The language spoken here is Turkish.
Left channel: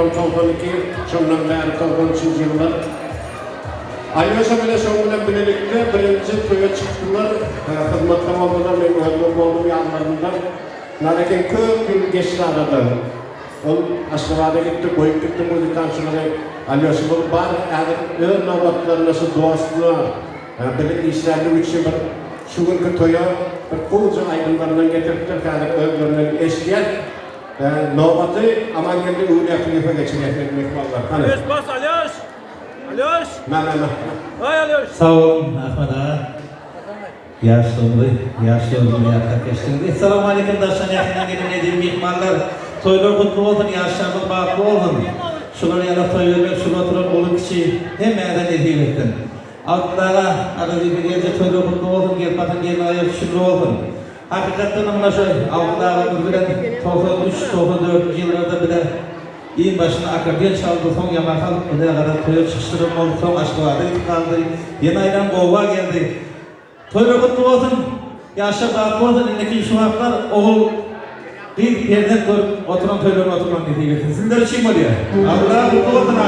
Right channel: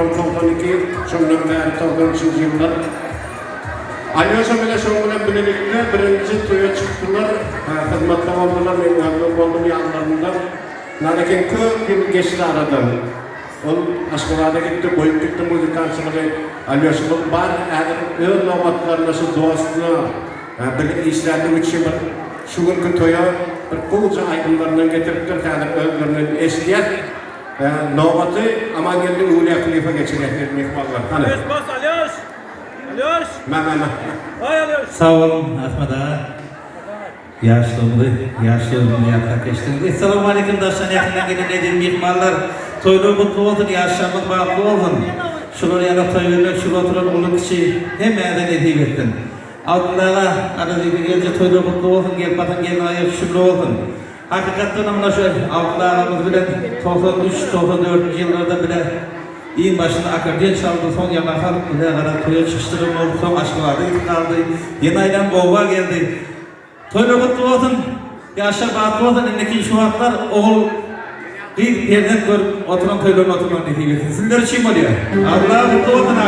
Kompanyaki sondan beri 93 yıllar. Alyosa bile sonuna birlikte birinci köye çıktılar. Hizmetle oldular, memnun oldum yanlarında. Lakin 40 yıl geçti arada. Onun aşkılarda gitti, boyup gitti müzikansıları. Alyosa'nın var, eğer ön novatlarına su dostuna, birlik işlerinde üçü var. Şu günkü toya, bir kulca aydınlarından getirdiler, kadar öldürünün eskiyer. Novatı aman geldi Uluya Kılıfa geçirecek mihvallar. Alyoş bas Alyoş! Alyoş! Hay Alyoş! Sağ olun Ahmet ağa. Yaşlı arkadaşlar. Esselamu aleyküm daşan yakından gelen edir mihmanlar. Toylar kutlu olsun, yaşlarımız baklı olsun. Şunun yana toylarlar, şunu oturan ulu kişi hemen edeyim ettin. Altlara arada bir gece toylar kutlu olsun, gel batın gelin ayır şunu olsun. Hakikaten ona şöyle altlar aramız bile 93-94 yıllarda bile İyin başına akordeon çaldı, son yanakal bile kadar toya çıkıştırım oldu, son aşkı vardı, kaldı. Yeni aydan boğva geldi. Toylar kutlu olsun, yaşlar baklı olsun, elindeki şu haklar oğul bir yerden görüp oturan toyların oturman dediği getirsin. Sizler kim oluyor? Allah kutlu olsun ha.